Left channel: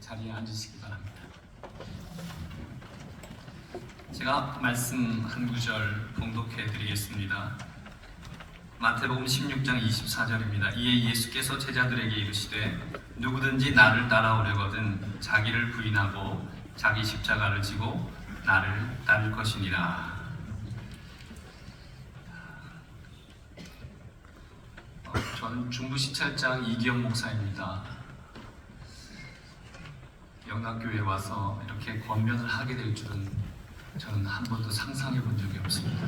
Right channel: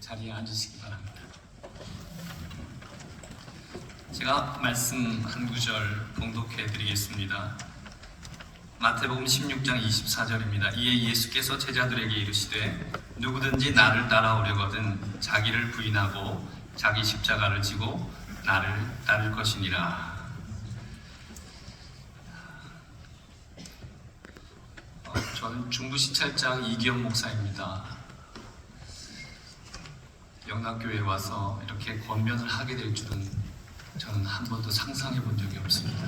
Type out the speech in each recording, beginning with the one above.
자리에 앉으시기 바랍니다. 제가 말씀 한 구절 봉독해 드리겠습니다. 마태복음 16장 24절입니다. 이에 예수께서 제자들에게 이르시되 누구든지 나를 따라오려거든 자기를 부인하고 자기 십자가를 지고 나를 따를 것이니라. 저는 중부시찰장 이기영 목사입니다. 영락교회에 와서 이렇게 권면을 하게 될 줄은 저는 한 번도 상상해 본 적이 없습니다.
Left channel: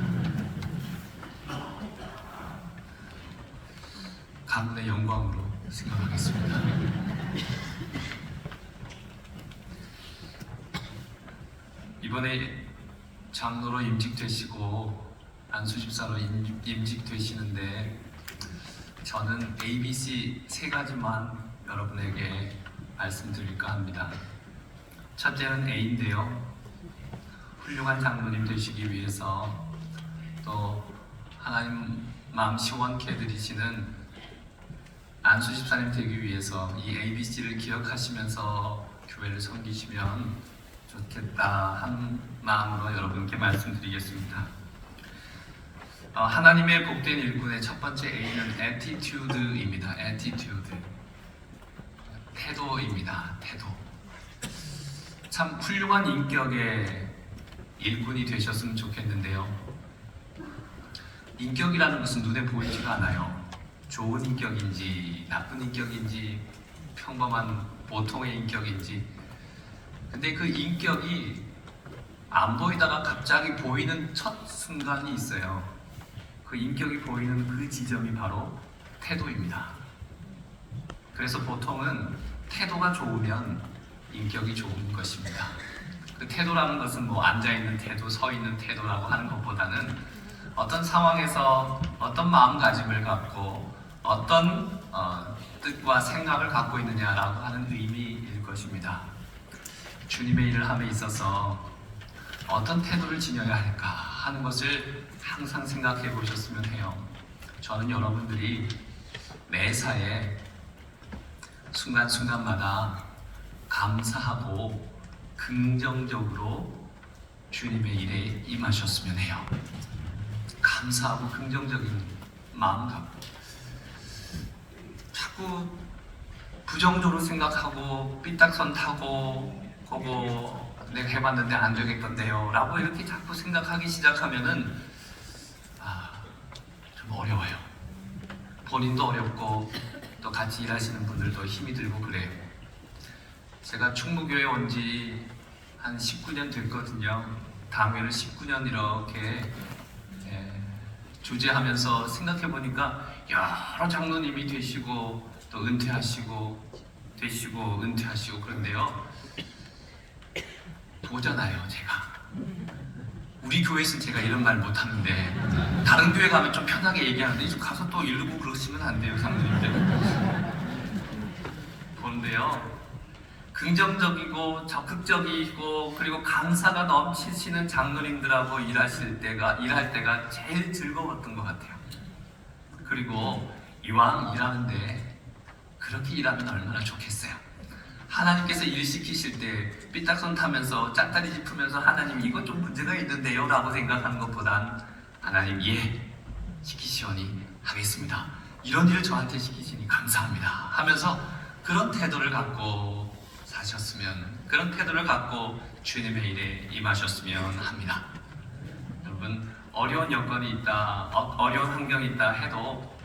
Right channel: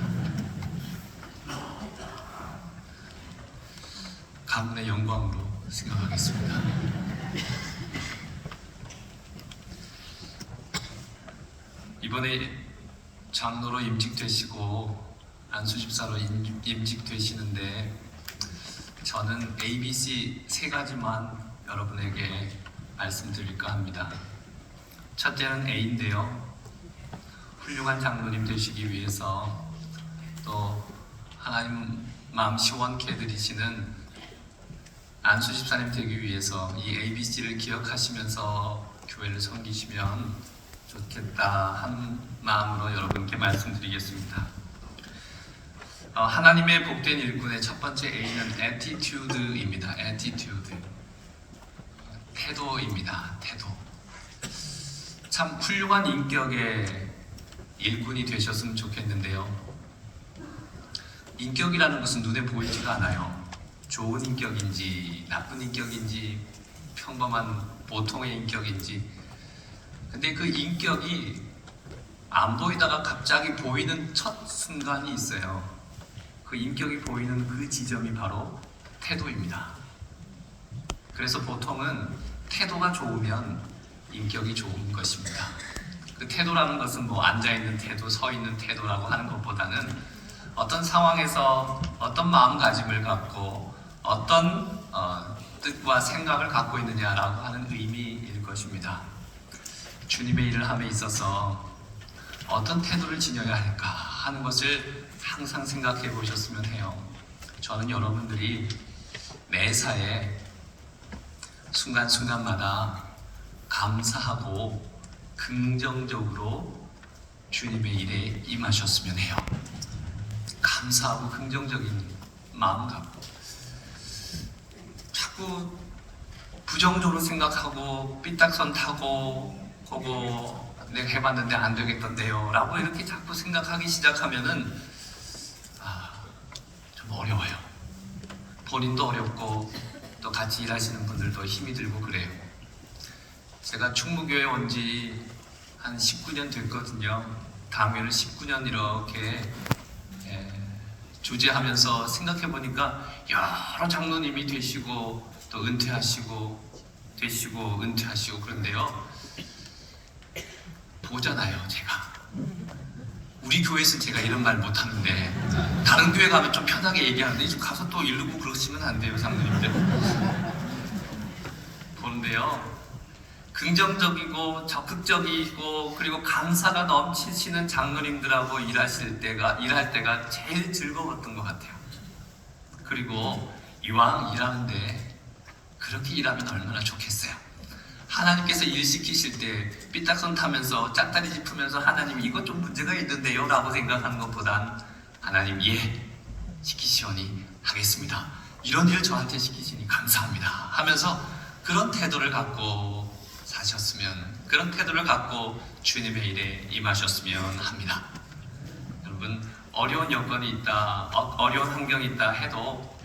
가문의 영광으로 생각하겠습니다. 이번에 장로로 임직되시고 안수집사로 임직되시는데 저는 ABC 세 가지만 여러분에게 말씀드릴까 합니다. 첫째는 A인데요. 훌륭한 장로님 되시기 위해서 또 하나님 마음 시원케 해드리시는 안수집사님 되기 위해서 이 ABC를 기억하시면서 교회를 섬기시면 좋겠다 하는 마음으로 여러분께 말씀드리겠습니다. 하나님의 복된 일꾼의 첫 번째 A는 attitude입니다. attitude. 태도입니다. 태도. 참 훌륭한 인격의 일꾼이 되셨으면 좋겠는데요. 인격이라는 것은 눈에 보이지가 않아요. 좋은 인격인지 나쁜 인격인지 평범한 보통의 인격인지, 근데 그 인격이 안 보이다가 갑자기 보이는 첫 순간이 있어요. 그 인격이 보이는 그 지점이 바로 태도입니다. 그래서 보통은 태도가 좋으면 인격이 좋은 것입니다. 그 태도라는 것은 뭐 앉아있는 태도, 서있는 태도라고 하는 것보다는 어떤 상황에서 어떤 마음가짐을 갖고 어떤 뜻과 생각을 갖고 있느냐라고 하는 의미일 것입니다. 주님의 일을 함에 있어서 어떤 태도를 지녀야 할까 하는 것을 항상 생각해 보셨으면 해요. 저는 여러분들이 매사에 순간순간마다 감사하고 긍정적으로 주님의 일에 임하셨으면 해요. 감사하고 긍정적인 마음 갖고 자꾸 부정적으로 생각하고 삐딱선 타고 그거 내가 해봤는데 안 되겠던데요 라고 이렇게 자꾸 생각하기 시작하면은 좀 어려워요. 본인도 어렵고 또 같이 일하시는 분들도 힘이 들고 그래요. 제가 충무교회 온 지 한 19년 됐거든요. 당회를 19년 이렇게 주재하면서 생각해보니까 여러 장로님이 되시고 또 은퇴하시고 그런데요, 보잖아요. 제가 우리 교회에서 제가 이런 말 못하는데 다른 교회 가면 좀 편하게 얘기하는데 좀 가서 또 이러고 그러시면 안 돼요. 장로님들 보는데요, 긍정적이고 적극적이고 그리고 감사가 넘치시는 장로님들하고 일할 때가 제일 즐거웠던 것 같아요. 그리고 이왕 일하는데 그렇게 일하면 얼마나 좋겠어요. 하나님께서 일 시키실 때 삐딱선 타면서 짝다리 짚으면서 하나님 이것 좀 문제가 있는데요 라고 생각하는 것보단 하나님 예 시키시오니 하겠습니다, 이런 일 저한테 시키시니 감사합니다 하면서 그런 태도를 갖고 사셨으면, 그런 태도를 갖고 주님의 일에 임하셨으면 합니다. 여러분, 어려운 여건이 있다, 어려운 환경이 있다 해도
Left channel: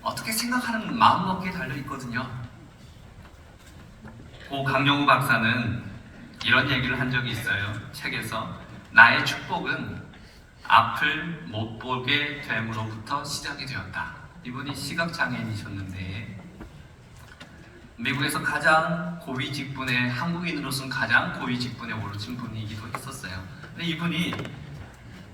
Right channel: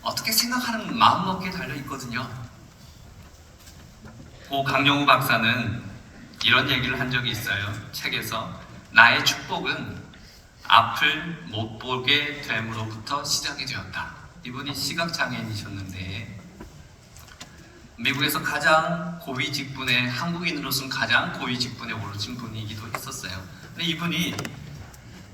어떻게 생각하는 마음먹기에 달려있거든요. 고 강영우 박사는 이런 얘기를 한 적이 있어요. 책에서 나의 축복은 앞을 못 보게 됨으로부터 시작이 되었다. 이분이 시각장애인이셨는데 미국에서 가장 고위 직분에, 한국인으로서는 가장 고위 직분에 오르신 분이기도 했었어요. 근데 이분이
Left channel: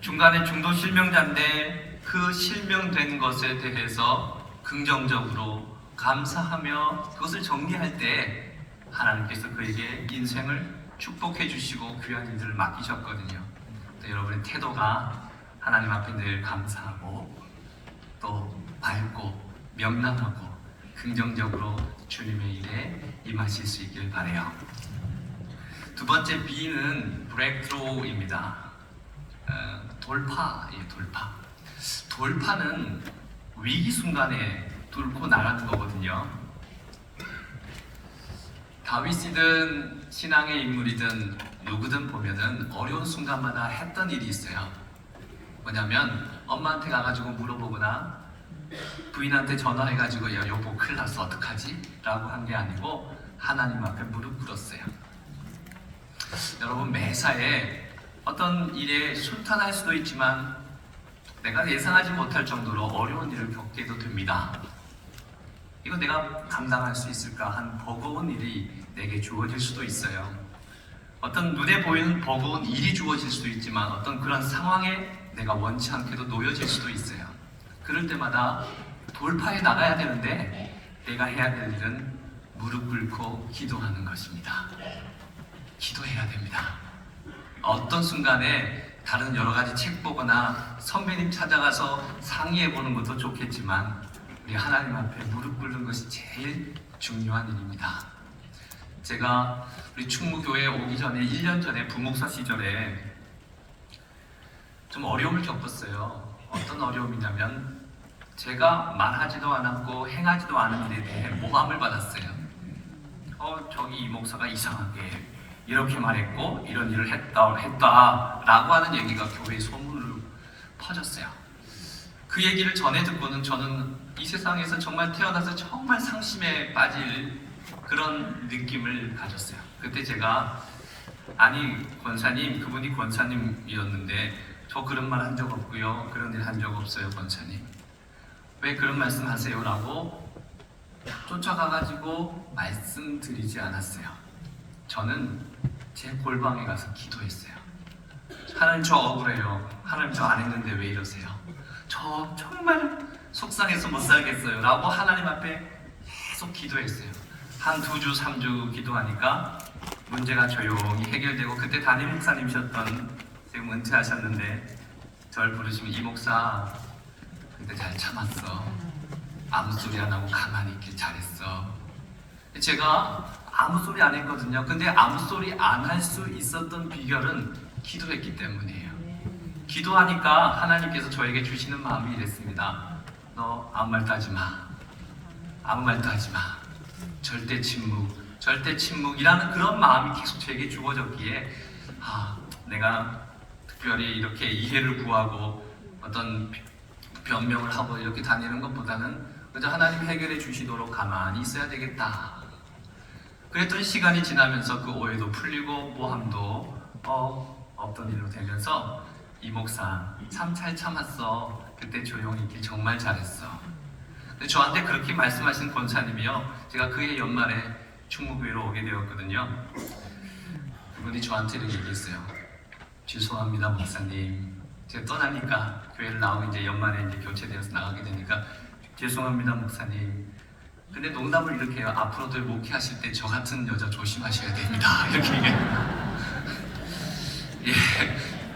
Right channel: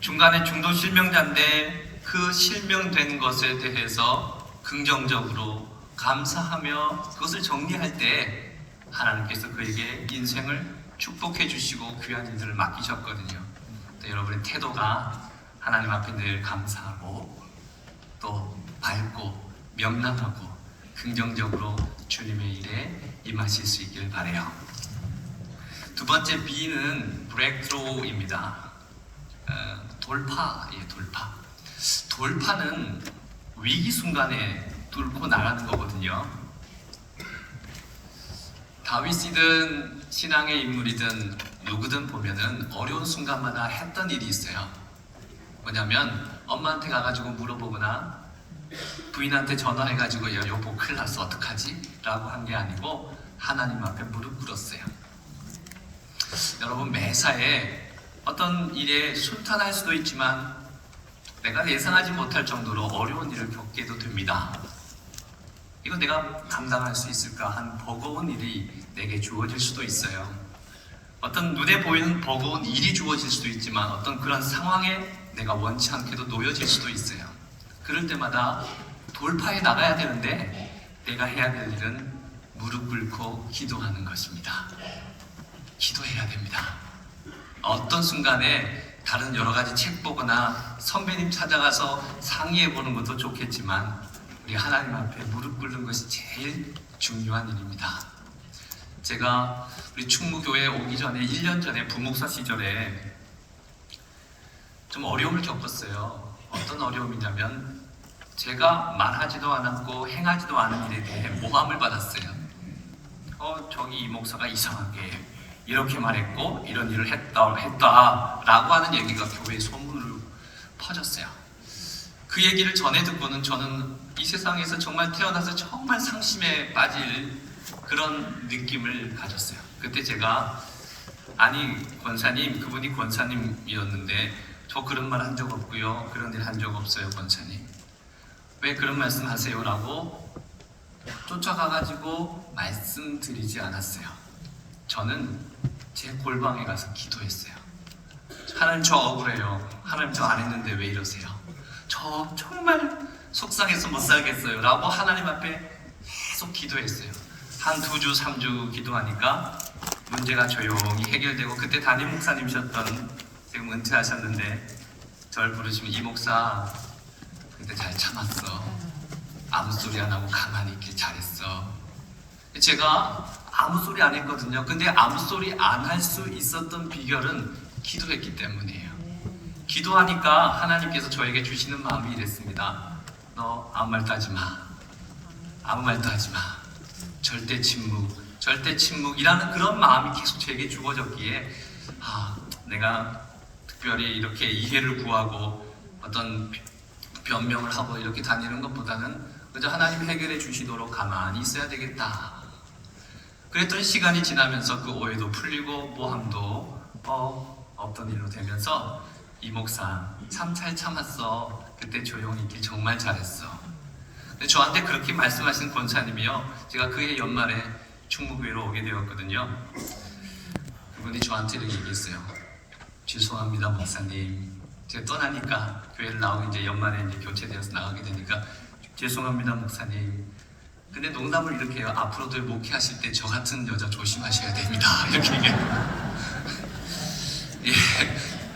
중간에 중도 실명자인데 그 실명된 것에 대해서 긍정적으로 감사하며 그것을 정리할 때 하나님께서 그에게 인생을 축복해 주시고 귀한 일들을 맡기셨거든요. 또 여러분의 태도가 하나님 앞에 늘 감사하고 또 밝고 명랑하고 긍정적으로 주님의 일에 임하실 수 있길 바라요. 두 번째 B는 브레이크트루입니다. 돌파예요. 돌파는 위기 순간에 뚫고 나가는 거거든요. 다윗이든 신앙의 인물이든 누구든 보면은 어려운 순간마다 했던 일이 있어요. 뭐냐면 엄마한테 가가지고 물어보거나 부인한테 전화해가지고 야 여보 큰일 났어 어떡하지? 라고 한 게 아니고 하나님 앞에 무릎 꿇었어요. 여러분 매사에 어떤 일에 순탄할 수도 있지만 내가 예상하지 못할 정도로 어려운 일을 겪게도 됩니다. 이건 내가 감당할 수 있을까 한 버거운 일이 내게 주어질 수도 있어요. 어떤 눈에 보이는 버거운 일이 주어질 수도 있지만 어떤 그런 상황에 내가 원치 않게도 놓여질 수도 있어요. 그럴 때마다 돌파해 나가야 되는데 내가 해야 될 일은 무릎 꿇고 기도하는 것입니다. 기도해야 됩니다. 어떤 순간에 다른 여러 가지 책 보거나 선배님 찾아가서 상의해 보는 것도 좋겠지만 우리 하나님 앞에 무릎 꿇는 것이 제일 중요한 일입니다. 제가 우리 충무교회에 오기 전에 1년 전에 부목사 시절에 좀 어려움을 겪었어요. 어떤 어려움이냐면 제가 말하지도 않았고 행하지도 않은 일에 대해 모함을 받았어요. 저기 이 목사가 이상하게 이렇게 말했고 이런 일을 했다라고 하는 얘기가 교회 소문으로 퍼졌어요. 그 얘기를 전해 듣고는 저는 이 세상에서 정말 태어나서 정말 상심에 빠질 그런 느낌을 가졌어요. 그때 제가 아니 권사님, 그분이 권사님이었는데 저 그런 말 한 적 없고요. 그런 일 한 적 없어요, 권사님. 왜 그런 말씀 하세요? 라고 쫓아가가지고 말씀드리지 않았어요. 저는 제 골방에 가서 기도했어요. 하나님 저 억울해요. 하나님 저 안 했는데 왜 이러세요? 저 정말 속상해서 못 살겠어요. 라고 하나님 앞에 계속 기도했어요. 한 2주, 3주 기도하니까 문제가 조용히 해결되고 그때 담임 목사님이셨던 지금 은퇴하셨는데 저를 부르시면 이 목사 근데 잘 참았어. 아무 소리 안 하고 가만히 있길 잘했어. 제가 아무 소리 안 했거든요. 근데 아무 소리 안 할 수 있었던 비결은 기도했기 때문이에요. 기도하니까 하나님께서 저에게 주시는 마음이 이랬습니다. 너 아무 말도 하지 마. 아무 말도 하지 마. 절대 침묵이라는 그런 마음이 계속 제게 주어졌기에 내가 특별히 이렇게 이해를 구하고 어떤 변명을 하고 이렇게 다니는 것보다는 그저 하나님 해결해 주시도록 가만히 있어야 되겠다. 그랬던 시간이 지나면서 그 오해도 풀리고 모함도 없던 일로 되면서 이 목사 참 잘 참았어. 그때 조용히 있길 정말 잘했어. 근데 저한테 그렇게 말씀하신 권사님이요. 제가 그해 연말에 충무교회로 오게 되었거든요. 그분이 저한테 이렇게 얘기했어요. 죄송합니다 목사님. 제가 떠나니까 교회를 나오고 이제 연말에 이제 교체되어서 나가게 되니까 죄송합니다 목사님. 근데 농담을 이렇게 해요. 앞으로도 목회하실 때 저 같은 여자 조심하셔야 됩니다. 이렇게 얘기해요.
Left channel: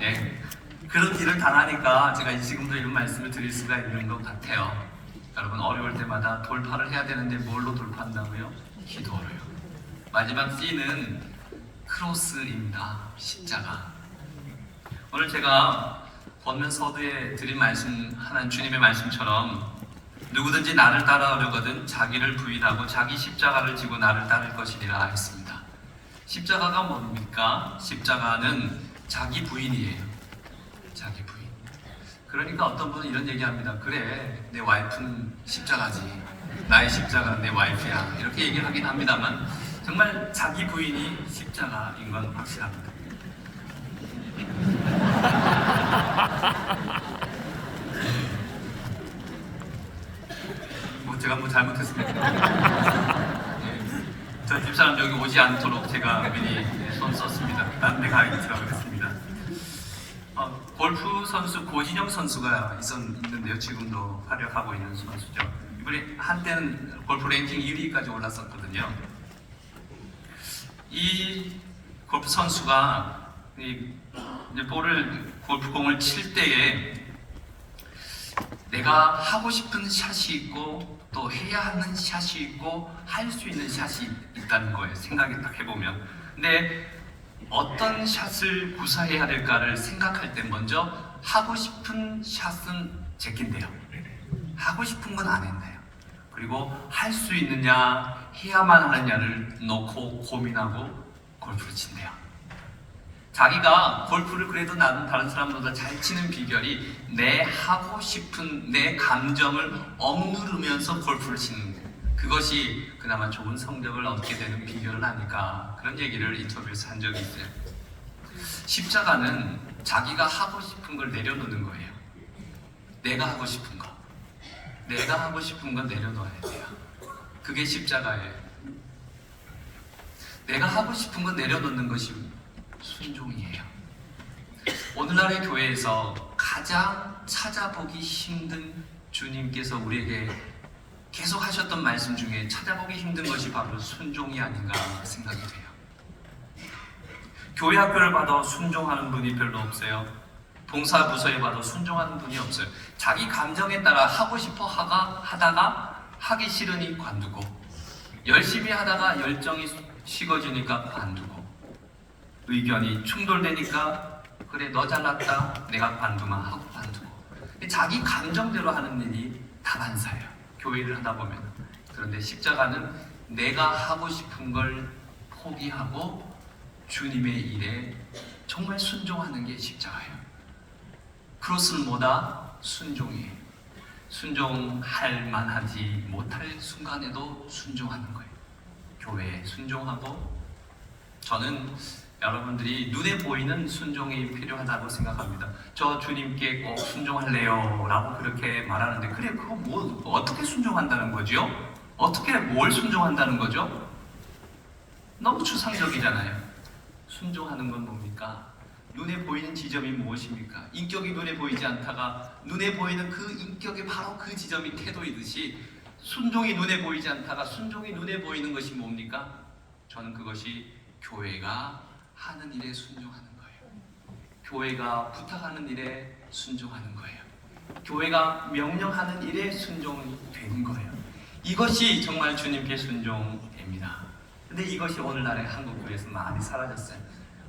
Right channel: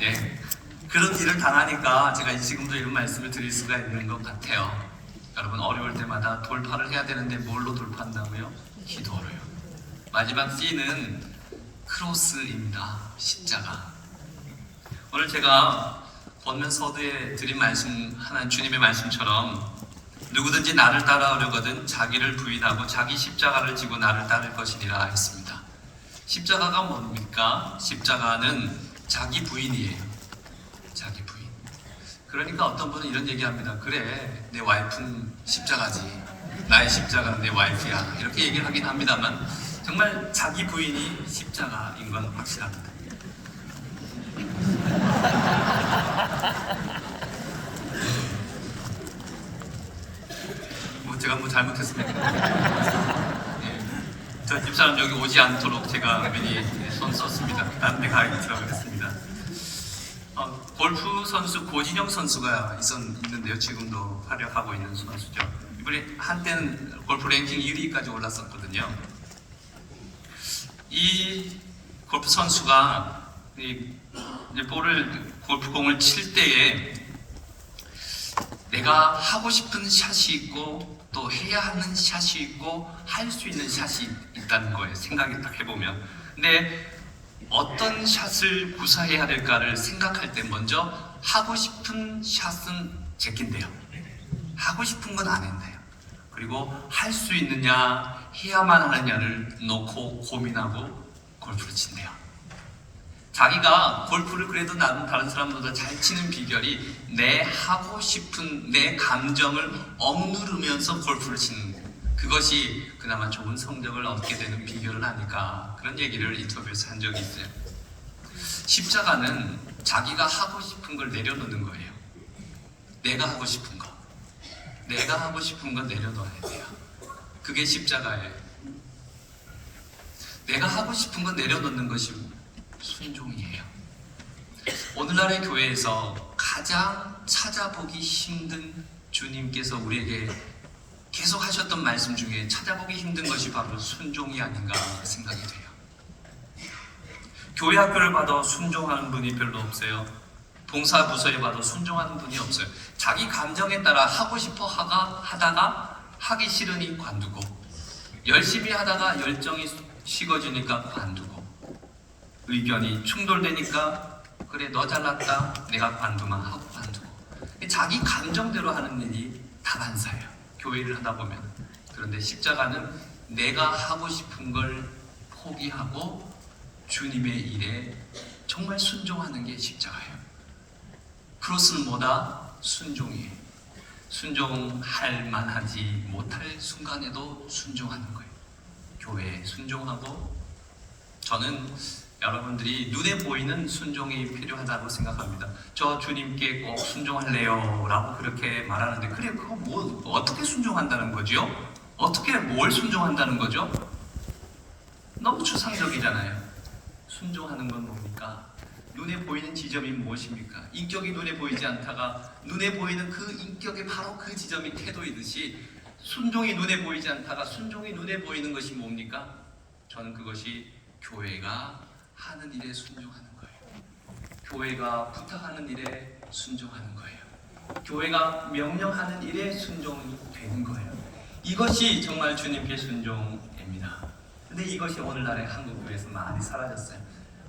예. 그런 일을 당하니까 제가 지금도 이런 말씀을 드릴 수가 있는 것 같아요. 여러분 어려울 때마다 돌파를 해야 되는데 뭘로 돌파한다고요? 기도로요. 마지막 C는 크로스입니다. 십자가. 오늘 제가 본문 서두에 드린 말씀, 하나님 주님의 말씀처럼 누구든지 나를 따라오려거든 자기를 부인하고 자기 십자가를 지고 나를 따를 것이니라 했습니다. 십자가가 뭡니까? 십자가는 자기 부인이에요. 자기 부인. 그러니까 어떤 분은 이런 얘기합니다. 그래, 내 와이프는 십자가지. 나의 십자가는 내 와이프야. 이렇게 얘기를 하긴 합니다만 정말 자기 부인이 십자가인 건 확실합니다. 제가 뭐 잘못했습니까? 네. 저 집사람 여기 오지 않도록 제가 미리 손 썼습니다. 다른 데 가야겠다고 그랬습니다. 골프 선수 고진영 선수가 있는데요. 지금도 활약하고 있는 선수죠. 이번에 한때는 골프 랭킹 1위까지 올랐었거든요. 이 골프 선수가 이 골프공을 칠 때에 내가 하고 싶은 샷이 있고 또 해야 하는 샷이 있고 할 수 있는 샷이 있다는 거예요. 생각이 딱 해보면. 근데 어떤 샷을 구사해야 될까를 생각할 때 먼저 하고 싶은 샷은 제낀대요. 하고 싶은 건 안 했네요. 그리고 할 수 있느냐 해야만 하느냐를 놓고 고민하고 골프를 친대요. 자기가 골프를 그래도 나는 다른 사람보다 잘 치는 비결이 내 하고 싶은 내 감정을 억누르면서 골프를 치는 거예요. 그것이 그나마 좋은 성적을 얻게 되는 비결을 아닐까, 그런 얘기를 인터뷰에서 한 적이 있어요. 십자가는 자기가 하고 싶은 걸 내려놓는 거예요. 내가 하고 싶은 거, 내가 하고 싶은 건 내려놓아야 돼요. 그게 십자가예요. 내가 하고 싶은 건 내려놓는 것이 순종이에요. 오늘날의 교회에서 가장 찾아보기 힘든 주님께서 우리에게 계속 하셨던 말씀 중에 찾아보기 힘든 것이 바로 순종이 아닌가 생각이 돼요. 교회 학교를 봐도 순종하는 분이 별로 없어요. 봉사부서에 봐도 순종하는 분이 없어요. 자기 감정에 따라 하고 싶어 하다가 하기 싫으니 관두고, 열심히 하다가 열정이 식어지니까 관두고, 의견이 충돌되니까 그래 너 잘났다 내가 관두마 하고 관두고, 자기 감정대로 하는 일이 다반사예요. 교회를 하다 보면. 그런데 십자가는 내가 하고 싶은 걸 포기하고 주님의 일에 정말 순종하는 게 십자가예요. 크로스는 뭐다? 순종이에요. 순종할 만하지 못할 순간에도 순종하는 거예요. 교회에 순종하고, 저는 여러분들이 눈에 보이는 순종이 필요하다고 생각합니다. 저 주님께 꼭 순종할래요 라고 그렇게 말하는데, 그래 그거 뭐 어떻게 순종한다는 거죠? 어떻게 뭘 순종한다는 거죠? 너무 추상적이잖아요. 순종하는 건 뭡니까? 눈에 보이는 지점이 무엇입니까? 인격이 눈에 보이지 않다가 눈에 보이는 그 인격이 바로 그 지점이 태도이듯이, 순종이 눈에 보이지 않다가 순종이 눈에 보이는 것이 뭡니까? 저는 그것이 교회가 하는 일에 순종하는 거예요. 교회가 부탁하는 일에 순종하는 거예요. 교회가 명령하는 일에 순종되는 거예요. 이것이 정말 주님께 순종입니다. 근데 이것이 오늘날의 한국교회에서 많이 사라졌어요.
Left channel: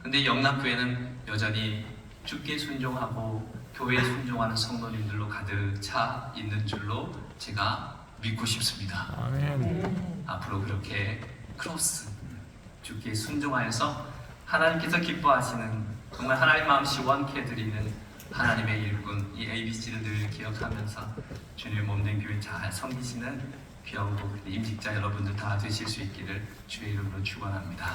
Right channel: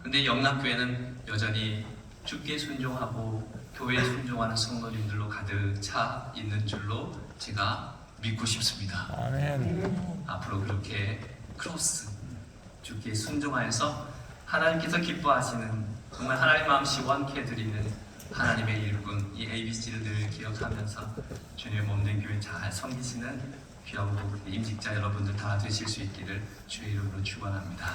근데 영남교회는 여전히 주께 순종하고 교회에 순종하는 성도님들로 가득 차 있는 줄로 제가 믿고 싶습니다. 아멘. 앞으로 그렇게 크로스, 주께 순종하여서 하나님께서 기뻐하시는, 정말 하나님 마음 시원케 드리는 하나님의 일꾼, 이 ABC를 늘 기억하면서 주님의 몸된 교회 잘 섬기시는 귀하고 복된 임직자 여러분들 다 되실 수 있기를 주의 이름으로 축원합니다.